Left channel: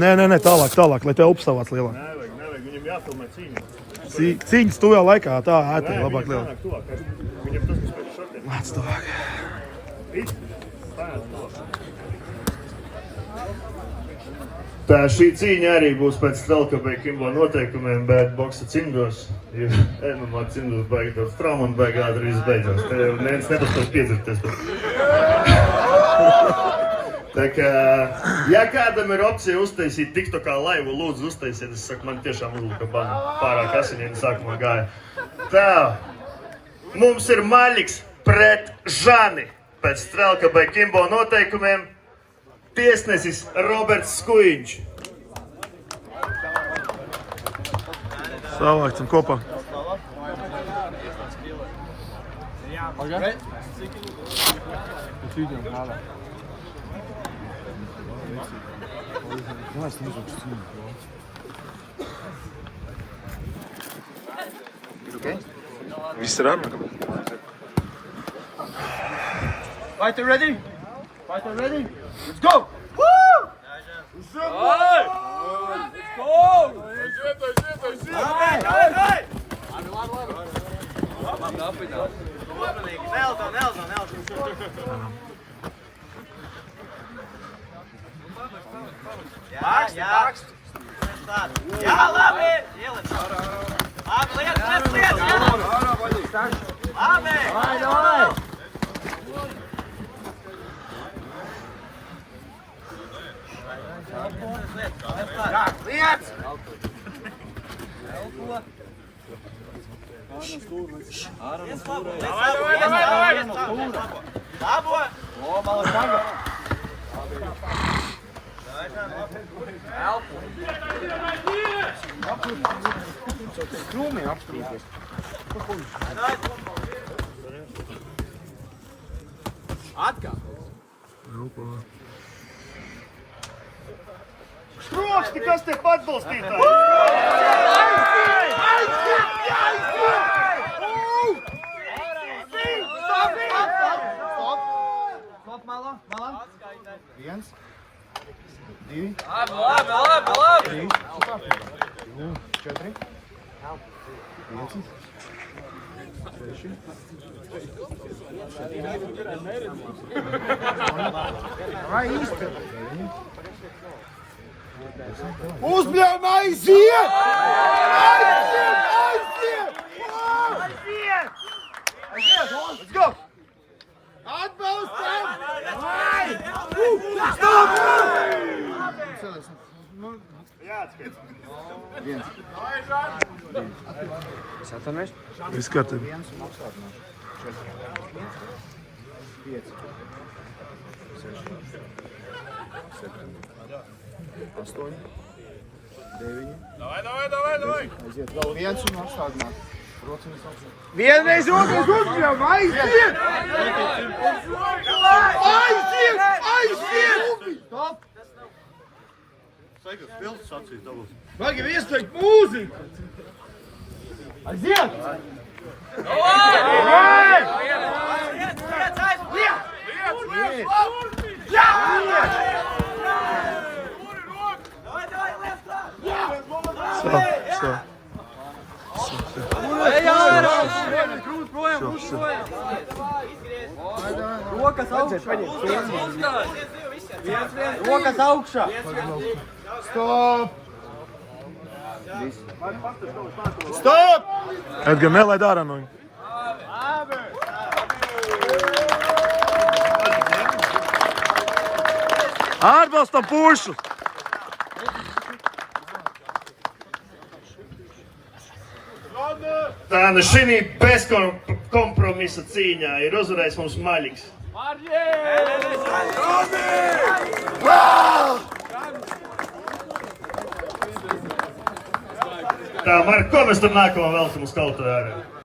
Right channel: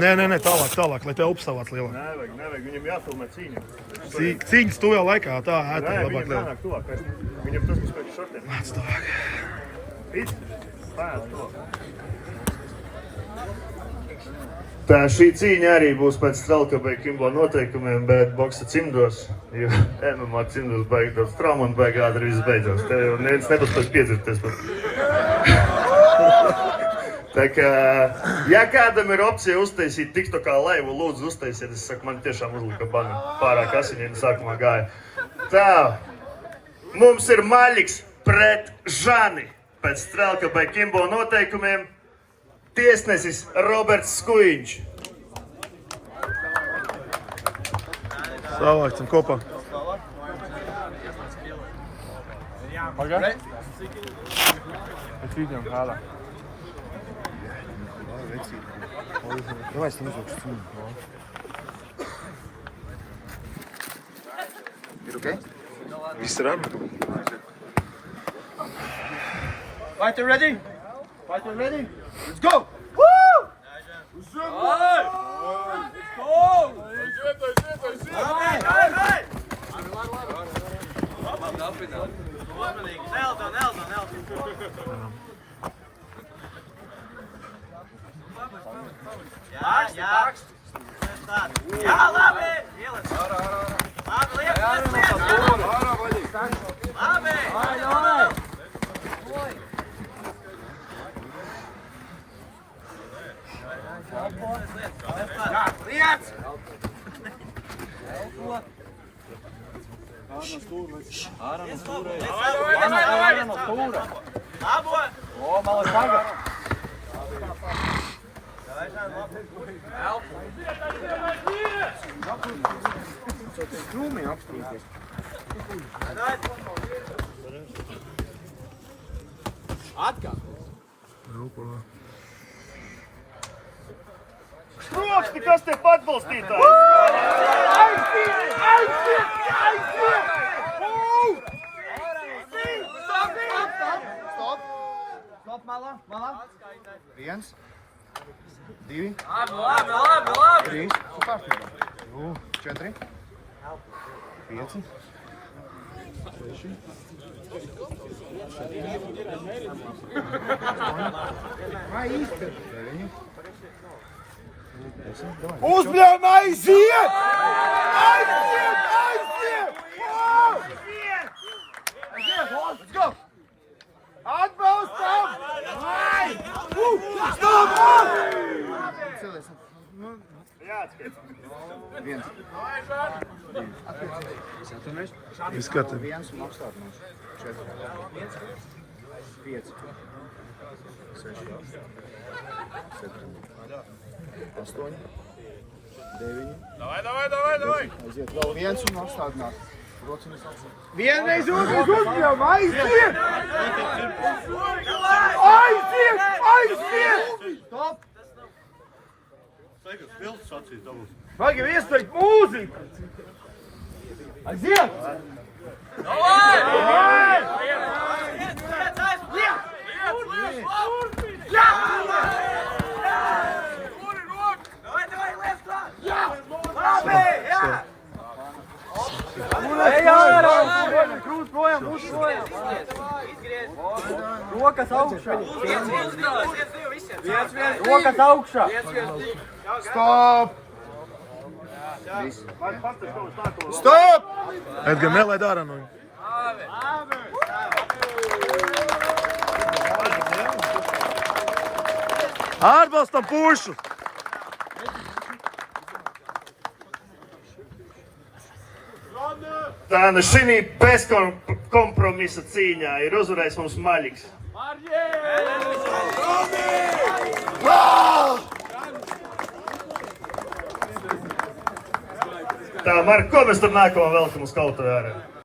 Nē, tālāk, lai tev upstāvāts lielāk. Nevajag, viņam jāfilmē cīņa. Cīņas tuvajā laikā, tā ēta Nē, labāk viņam lielāk. jānāk tuvāk. Viņam tas būs pēc šortiem. Māc tuvāk. It, pēc tuvāk. Tā šī cīņa arī būs pēc Strelkabai Kimbo noteikumiem, bet boksa cimdos, jo MMA cimdos baigi daudz traumu un baigi ātri viss beidzās. Te jau neviens nepaspēs piedzirties par. Tā kā, ja kādam ir opcija uztaisīt TikTokā laivu, lūdzu uztaisiet, es saku, man tiešām uzlika banu, pārāk asiņiem sākumā gāja. Tā, mums ir Maļiks pret Žani pēc Strelkabai Kimbo noteikumiem. Tiesnesis Roberts Skujiņš. Savāksim kopā. Viss ir ārmē. Fighter ready? Fighter ready? Let's go! Woo! Jā, labi! Skropsti, kas te atbalstītāji? Stop, malā. 1, 2, 3, 4, 5, 6, 9. Uzbļām aiziet! Let's go! Atbalstam! Stop! Viens. Atpakaļ. Viss kārtībā. Viens un apstādināšu. 4. 5. 6. 7. 8. 9. Davai! Aiziet vēl viens un apstādināt. Vienreiz otrais uzbļām, aiziet! Aiziet! Stop! Saikas, pilsas acīs dabūs. Vajag ieslēgt mūziku! Aiziet! Rokas augšā! Stop! Stop! Edgar, nelaid ārā no viņa. Atbalstam pušu! Tā nu šī bezkompromisa cīņā ir uzvarējis mums Maļiks. Tā, Mark, ko mēs tur nākamā velkam uz kautu ārā?